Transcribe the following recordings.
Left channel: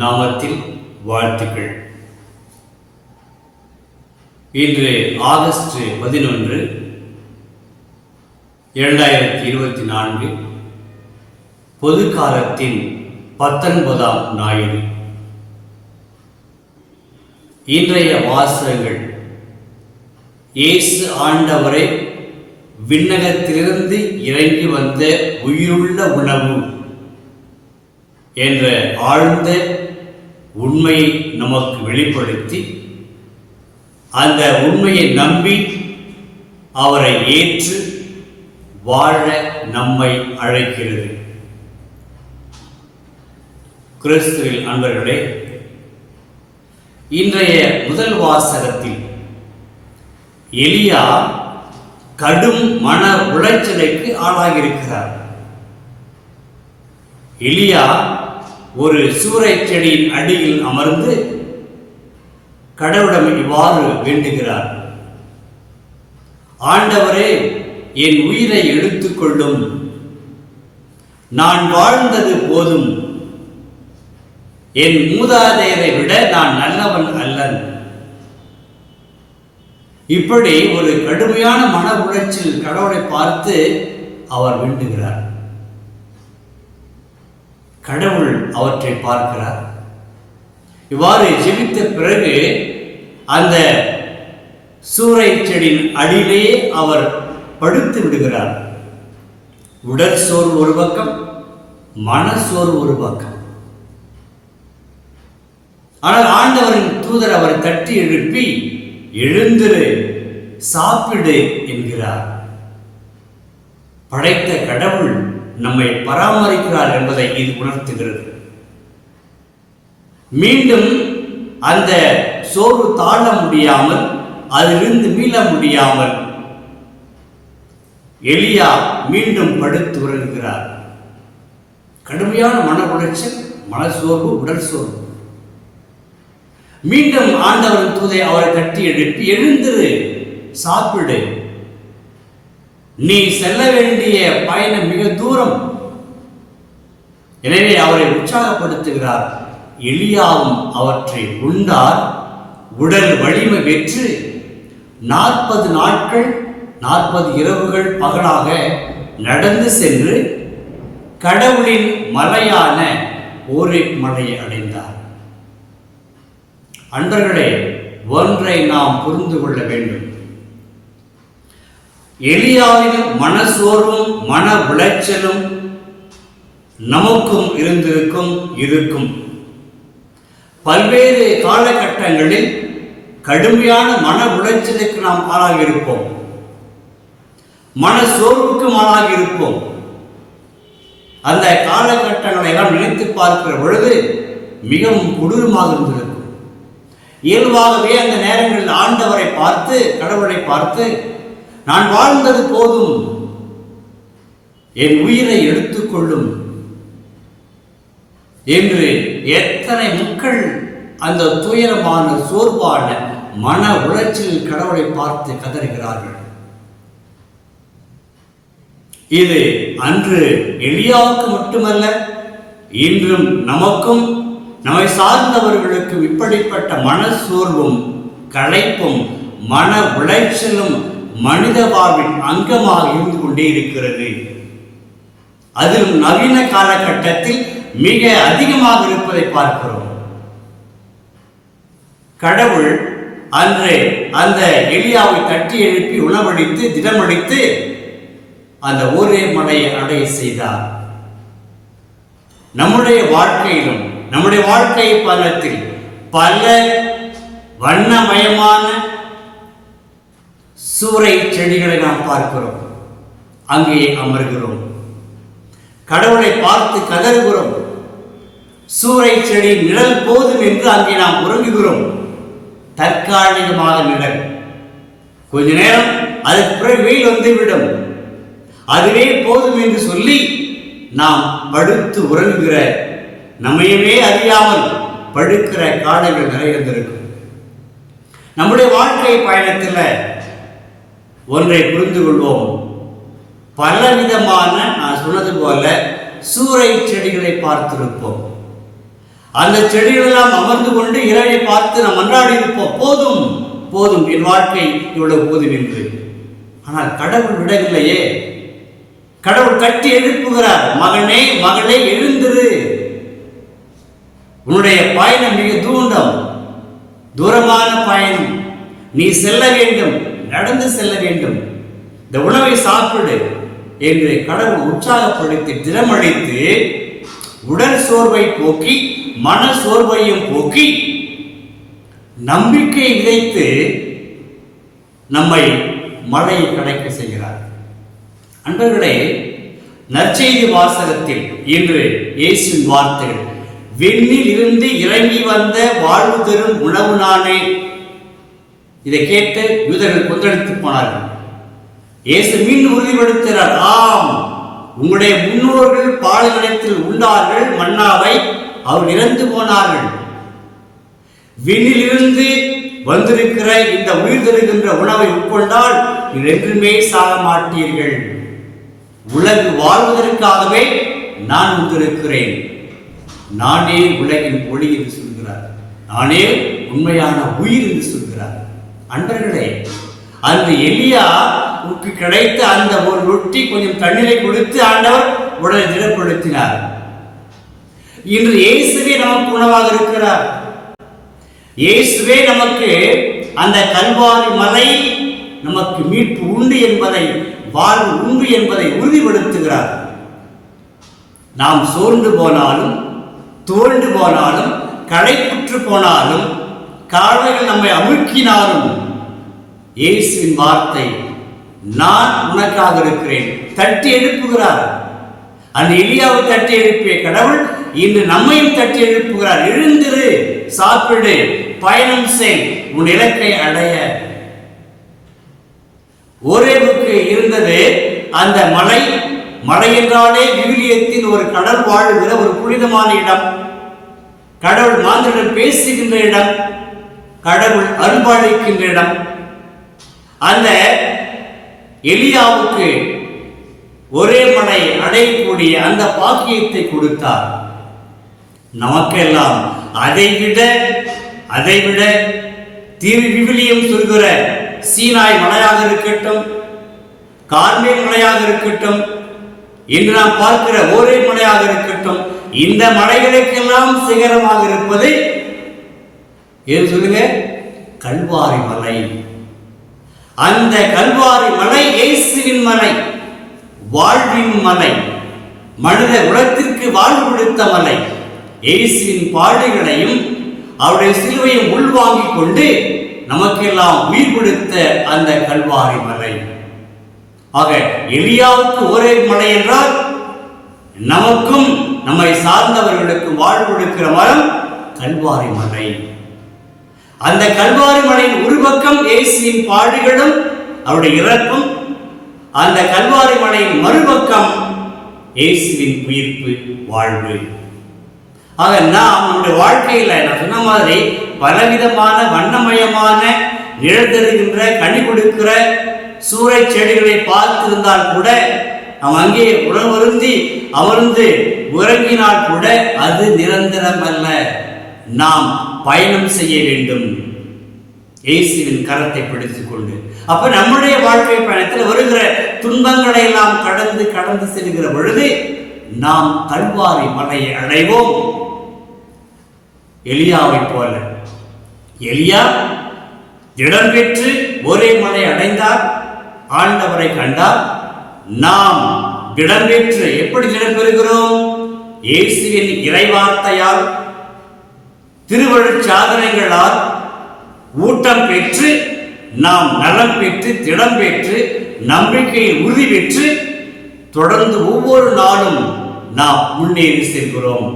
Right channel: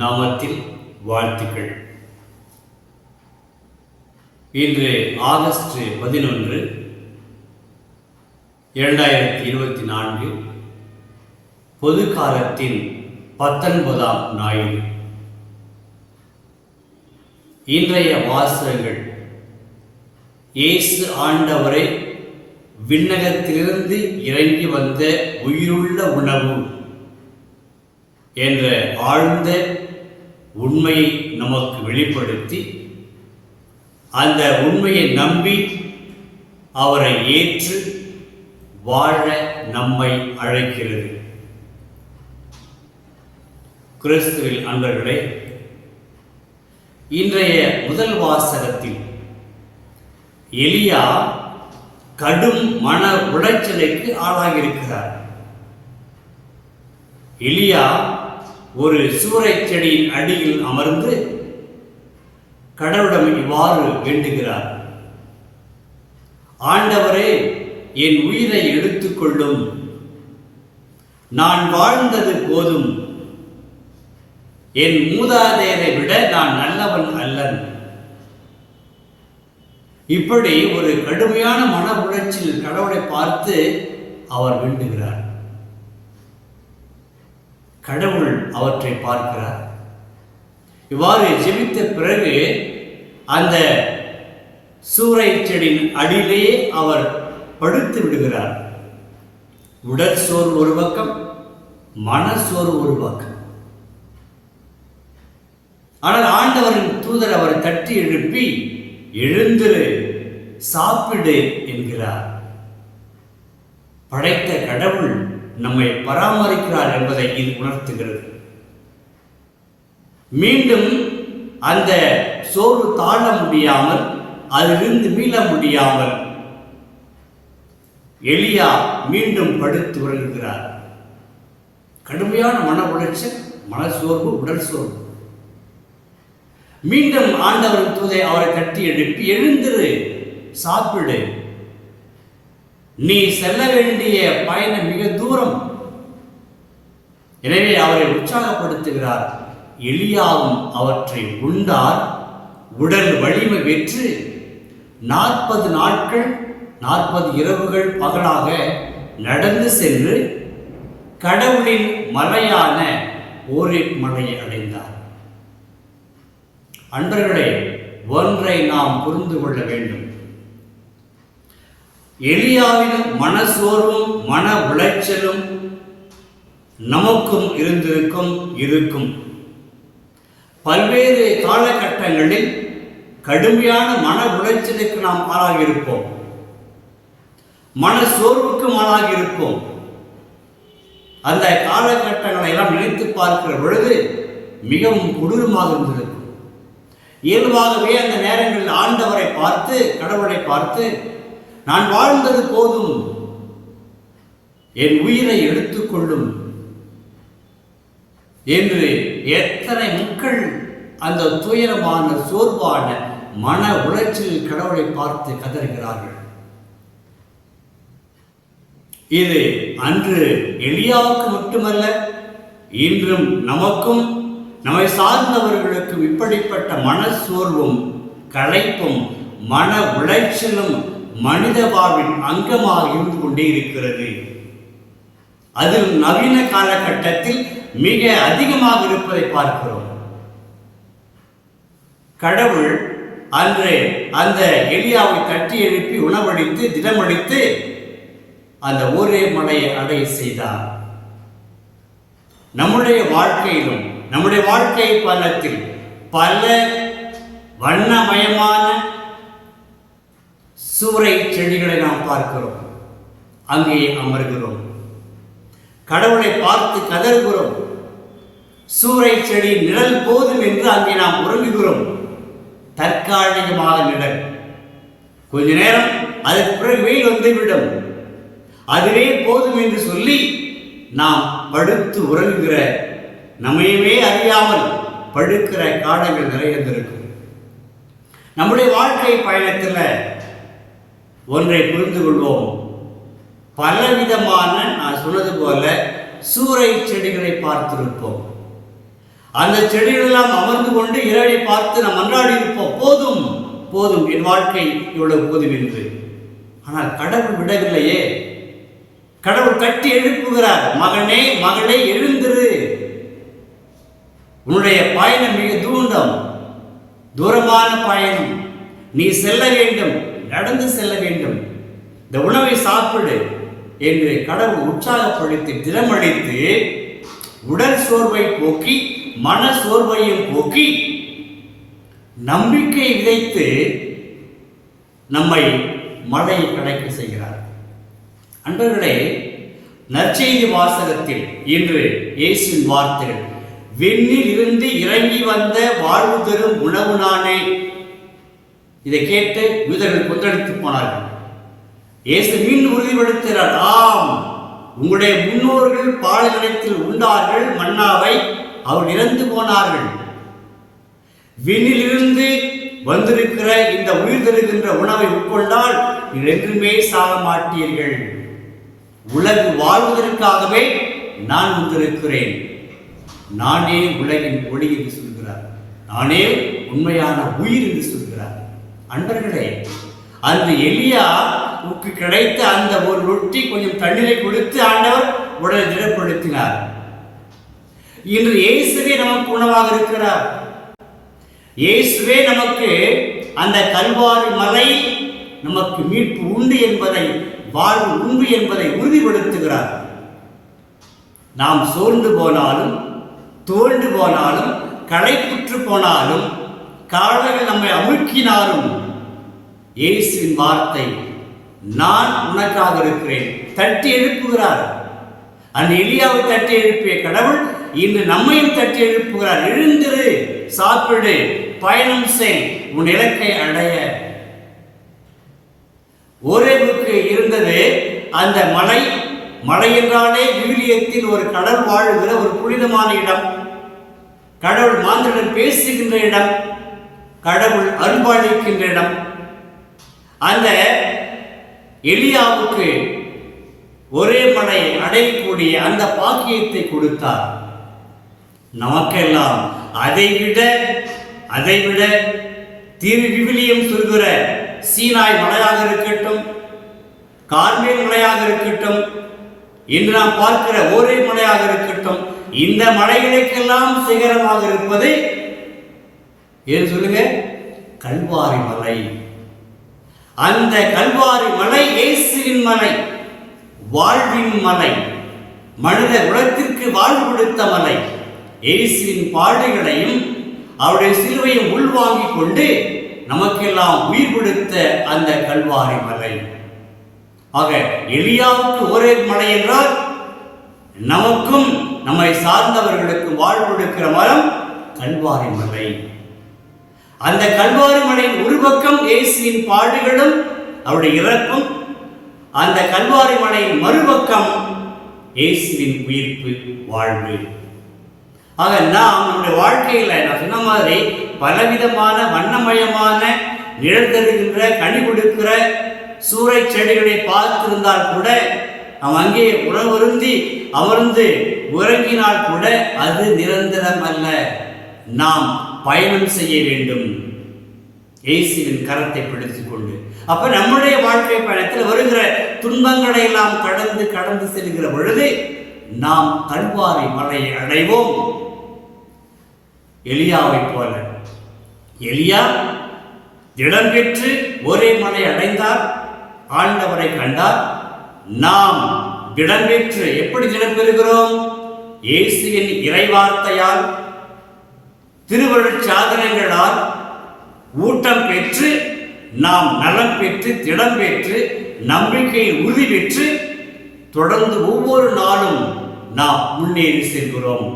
நாமத்தில் வாழ்த்துக்கள். இன்று ஆகஸ்ட் 11, 2024 பொது காலத்தின் 19ஆம் ஞாயிறு. இன்றைய வாசகங்கள் இயேசு ஆண்டவரை விண்ணகத்திலிருந்து இறங்கி வந்த உயிருள்ள உணவு என்ற ஆழ்ந்த உண்மையை நமக்கு வெளிப்படுத்தி, அந்த உண்மையை நம்பி அவரை ஏற்று வாழ நம்மை அழைக்கிறது. கிறிஸ்துவில் அன்பர்களே, இன்றைய முதல் வாசகத்தில் எலியா கடும் மன உளைச்சலுக்கு ஆளாகியிருக்கிறார். எலியா ஒரு சூறைச் செடியின் அடியில் அமர்ந்து கடவுளிடம் இவ்வாறு வேண்டுகிறார்: ஆண்டவரே, என் உயிரை எடுத்துக்கொள்ளும், நான் வாழ்ந்தது போதும், என் மூதாதையரை விட நான் நல்லவன் அல்லன். இப்படி ஒரு கடுமையான மன உளைச்சல் கடவுளை பார்த்து அவர் வேண்டுகிறார். கடவுள் அவற்றை பார்க்கிறார். இவ்வாறு ஜெபித்த பிறகு அந்த சூறைச் செடியின் அடியிலேயே அவர் படுத்து விடுகிறார். உடல் சோர்வு ஒரு பக்கம், மனசோர்வு ஒரு பக்கம். ஆனால் ஆண்டவரின் தூதர் அவரை தட்டி எழுப்பி, எழுந்திரு, சாப்பிடு என்கிறார். படைத்த கடவுள் நம்மை பராமரிக்கிறார் என்பதை இது உணர்த்துகிறது. மீண்டும் அந்த சோர்வு தாழ முடியாமல், அதிலிருந்து மீள முடியாமல் எலியா மீண்டும் படுத்து உறங்குகிறார். கடுமையான மன உளைச்சல், மனசோர்வு, உடல் சோர்வு. மீண்டும் ஆண்டவரின் தூதை அவரை தட்டி எழுப்பி, எழுந்திரு, சாப்பிடு, நீ செல்ல வேண்டிய பயணம் மிக தூரம். எனவே அவரை உற்சாகப்படுத்துகிறார். எலியாவும் அவற்றை உண்டார். உடல் வலிமை பெற்று 40 நாட்கள் 40 இரவுகள் பகலாக நடந்து சென்று கடவுளின் மலையான ஓரேப் மலையை அடைந்தார். அன்பர்களே, ஒன்றை நாம் புரிந்து கொள்ள வேண்டும். எலியாவின் மனசோர்வும் மன உளைச்சலும் நமக்கும் இருக்கும். பல்வேறு காலகட்டங்களில் கடுமையான மன உளைச்சலுக்கு நாம் ஆளாகியிருப்போம், மனசோர்வுக்கும் ஆளாகியிருப்போம். அந்த காலகட்டங்களை எல்லாம் நினைத்து பார்க்கிற பொழுது மிகவும் கொடூரமாக இருந்திருக்கும். இயல்பாகவே அந்த நேரங்களில் ஆண்டவரை பார்த்து, கடவுளை பார்த்து, நான் வாழ்ந்தது போதும், என் உயிரை எடுத்துக்கொள்ளும் என்று எத்தனை மக்கள் அந்த துயரமான சோர்வான மன உளைச்சலில் கடவுளை பார்த்து கதறுகிறார்கள். இது அன்று எலியாவுக்கு மட்டுமல்ல, இன்றும் நமக்கும் நம்மை சார்ந்தவர்களுக்கும் இப்படிப்பட்ட மனசோர்வும் களைப்பும் மன உளைச்சலும் மனித வாழ்வின் அங்கமாக இருந்து கொண்டே இருக்கிறது. அதிலும் நவீன காலகட்டத்தில் மிக அதிகமாக இருப்பதை பார்க்கிறோம். கடவுள் அன்றே அந்த எலியாவை தட்டி எழுப்பி உணவளித்து திடமளித்து அந்த ஒரே மலையை அடைய செய்தார். நம்முடைய வாழ்க்கையிலும், நம்முடைய வாழ்க்கை பலத்தில் பல வண்ணமயமான சூறை செடிகளை நாம் பார்க்கிறோம். அங்கே அமர்கிறோம், கடவுளை பார்த்து கதறுகிறோம். சூறை செடி நிழல் போதும் என்று அங்கே நாம் உறங்குகிறோம். தற்காலிகமாக நிழல், கொஞ்ச நேரம், அதுக்கு பிறகு வெயில் வந்துவிடும், அதுவே போதும் என்று சொல்லி நாம் படுத்து உறங்குகிற, நம்மையவே அறியாமல் படுக்கிற காலங்கள் நிறைய இருக்கும். நம்முடைய வாழ்க்கை பயணத்தில் ஒன்றை புரிந்து கொள்வோம். பலவிதமான, நான் சொன்னது போல, சூறை செடிகளை பார்த்திருப்போம். அந்த செடிகளெல்லாம் அமர்ந்து கொண்டு இறைவனை பார்த்து நாம் மன்றாடி இருப்போம், போதும் போதும் என் வாழ்க்கை இவ்வளவு போதும் என்று. ஆனால் கடவுள் விடவில்லையே. கடவுள் கட்டி எழுப்புகிறார், மகனே மகளே எழுந்திரு, உன்னுடைய பயணம் மிக தூரமான பயணம், நீ செல்ல வேண்டும், நடந்து செல்ல வேண்டும், இந்த உணவை சாப்பிடு என்று கடவுள் உற்சாகப்படுத்தி திறமளித்து உடல் சோர்வை போக்கி மன சோர்வையும் போக்கி நம்பிக்கை விதைத்து நம்மை மழையை கிடைக்க செய்கிறார். அன்பர்களே, நற்செய்தி வாசகத்தில் இன்று இயேசுவின் வார்த்தைகள், விண்ணில் இருந்து இறங்கி வந்த வாழ்வு தரும் உணவு நானே. இதை கேட்டு யூதர்கள் கொந்தளித்து போனார்கள். இயேசு மீண்டும் உறுதிப்படுத்துகிறார், ஆம், உங்களுடைய முன்னோர்கள் பாலைவனத்தில் உண்டார்கள் மன்னாவை, அவர் இறந்து போனார்கள். விண்ணிலிருந்து வந்திருக்கிற இந்த உயிர் தருகின்ற உணவை உட்கொண்டால் என்றுமே சாக மாட்டீர்கள். உலகு வாழ்வதற்காகவே நான் வந்திருக்கிறேன், நானே உலகின் ஒளி என்று சொல்கிறார், நானே உண்மையான உயிர் என்று சொல்கிறார். அன்பர்களே, அந்த எலியாவுக்கு கிடைத்த அந்த ஒரு ரொட்டி கொஞ்சம் தண்ணீரை கொடுத்து ஆண்டவர் உடலை திடப்படுத்தினார். இன்று இயேசுவே நமக்கு உணவாக இருக்கிறார். இயேசுவே நமக்கு அந்த கல்வாரி மலையில் நமக்கு மீட்பு உண்டு என்பதை, வாழ்வு உண்டு என்பதை உறுதிப்படுத்துகிறார். நாம் சோர்ந்து போனாலும் தோண்டு போனாலும் களைப்புற்று போனாலும் கால்கள் நம்மை அமுக்கினாலும் இயேசுவின் வார்த்தை நான் உனக்காக இருக்கிறேன் தட்டி எழுப்புகிறார். அந்த எலியாவை தட்டி எழுப்பிய கடவுள் இன்று நம்மையும் தட்டி எழுப்புகிறார். எழுந்திரு, சாப்பிடு, பயணம் செய், உன் இலக்கை அடைய. ஓரேபுக்கு இருந்தது அந்த மலை. மலை என்றாலே விவிலியத்தில் ஒரு கடல் வாழுகிற ஒரு புனிதமான இடம், கடவுள் மாந்தருடன் பேசுகின்ற இடம், கடவுள் அருள்பாலிக்கின்ற இடம். அந்த எலியாவுக்கு ஒரே மலை அடையக்கூடிய அந்த பாக்கியத்தை கொடுத்தார். நமக்கெல்லாம் அதைவிட திரு விவிலியம் சொல்கிற சீனாய் மலையாக இருக்கட்டும், கார்மேல் மலையாக இருக்கட்டும், இன்று நாம் பார்க்கிற ஒரே மலையாக இருக்கட்டும், இந்த மலைகளுக்கெல்லாம் சிகரமாக இருப்பது ஏன் சொல்லுங்க? கல்வாரி மலை. அந்த கல்வாரி மலை இயேசுவின் மலை, வாழ்வின் மலை, மனித குலத்திற்கு வாழ்வு கொடுத்த மலை. இயேசுவின் பாடுகளையும் அவருடைய சிலுவையும் உள்வாங்கிக் கொண்டு நமக்கெல்லாம் உயிர் கொடுத்த அந்த கல்வாரி மலை. ஆக எலியாவுக்கு ஒரே மலை என்றால் நமக்கும் நம்மை சார்ந்தவர்களுக்கு வாழ்வு கொடுக்கிற மரம் கல்வாரி மலை. அந்த கல்வாரி மலையின் ஒரு பக்கம் இயேசுவின் பாடுகளும் அவருடைய இறப்பும், அந்த கல்வாரி மலையின் மறுபக்கம் இயேசுவின் உயிர்ப்பு வாழ்வு. ஆக நாம் நம்முடைய வாழ்க்கையில் நான் சொன்ன மாதிரி பலவிதமான வண்ணமயமான நிழல் தருகின்ற கனி கொடுக்கிற சூறை செடிகளை பார்த்திருந்தால் கூட, நாம் அங்கே உணவருந்தி அமர்ந்து உறங்கினால் கூட அது நிரந்தரம் அல்ல. நாம் பயணம் செய்ய வேண்டும் இயேசுவின் கரத்தை பிடித்துக் கொண்டு. அப்ப நம்முடைய வாழ்க்கை பயணத்தில் வருகிற துன்பங்களை எல்லாம் கடந்து செல்கிற பொழுது நாம் கல்வாரி மலையை அடைவோம். எலியாவை போல எலியா திடம் பெற்று ஒரே மலை அடைந்தார், ஆண்டவரை கண்டார். நாம் திடம் பெற்று எப்படி திடம் பெறுகிறோம்? இயேசுவின் இறைவார்த்தையால், திருவருட் சாதனைகளால் ஊட்டம் பெற்று நாம் நலம் பெற்று திடம் பெற்று நம்பிக்கையில் உறுதி பெற்று தொடர்ந்து ஒவ்வொரு நாளும் நாம் முன்னேறி செல்கிறோம்.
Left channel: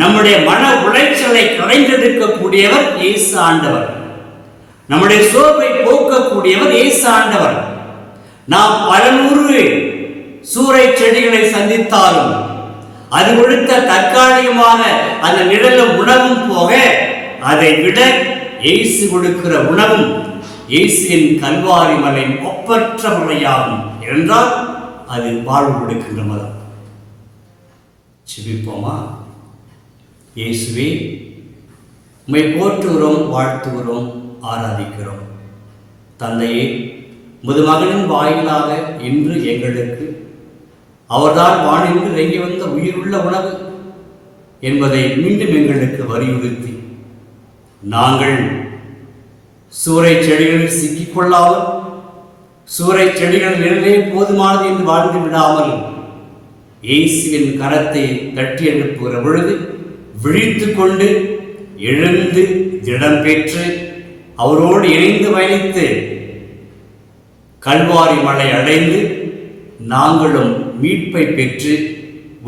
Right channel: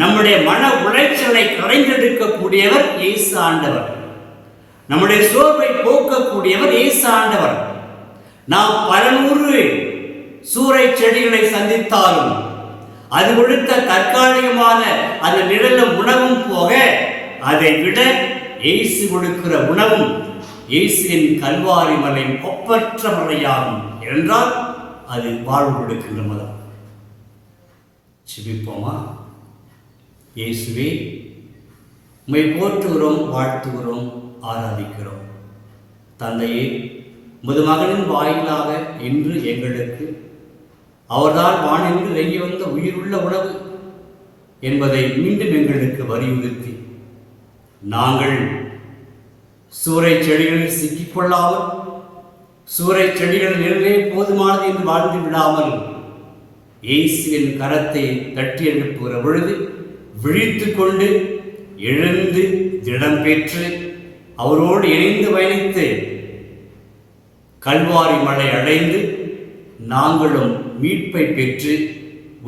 நம்முடைய மன உளைச்சலை களைந்தெடுக்கக்கூடியவர் இயேசு ஆண்டவர். நம்முடைய சோர்வை போக்கக்கூடியவர் இயேசு ஆண்டவர். நாம் பல நூறு சூறை செடிகளை சந்தித்தாலும் அது கொடுத்த தற்காலிகமான அந்த நிழலும் உணவும் போக, அதை விட இயேசு கொடுக்கிற உணவும் இயேசுவின் கல்வாரி மலை ஒப்பற்ற மலையாகும் என்றால் அது வாழ்வு கொடுக்கின்ற மதம். சிரிப்போமா? இயேசுவே, உம்மை போற்றுகிறோம், வாழ்த்துகிறோம், ஆராதிக்கிறோம். தந்தையே, உமது மகனின் வாயிலாக இன்று எங்களுக்கு அவர்தான் வானின்று இறங்கி வந்த உயிருள்ள உணவு என்பதை மீண்டும் எங்களுக்கு வலியுறுத்தி, நாங்கள் சூறை செடிகளில் சிக்கிக்கொள்ளாமல் சூறை செடிகள் நிழலே போதுமானது என்று வாழ்ந்து விடாமல் இயேசுவின் கரத்தை தட்டி எழுப்புகிற பொழுது விழித்து கொண்டு எழுந்து திடம் பெற்று அவரோடு இணைந்து பயணித்து கல்வாரி மலை அடைந்து நாங்களும் மீட்பை பெற்று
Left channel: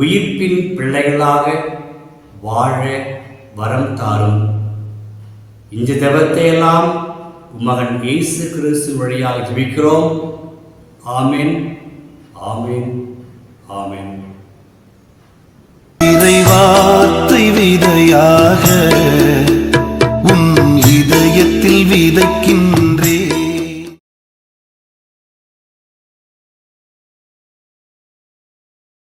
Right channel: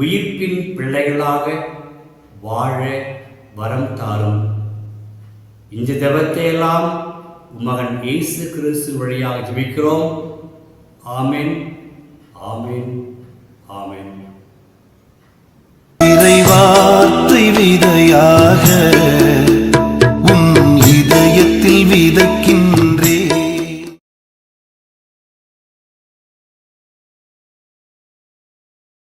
உயிர்ப்பின் பிள்ளைகளாக வாழ வரம் தாரும். இந்த ஜெபத்தை எல்லாம் உமகன் இயேசு கிறிஸ்து வழியாக ஜெபிக்கிறோம். ஆமென், ஆமென், ஆமென். இறைவார்த்தை விதையாக உன் இதயத்தில் விதைக்கின்ற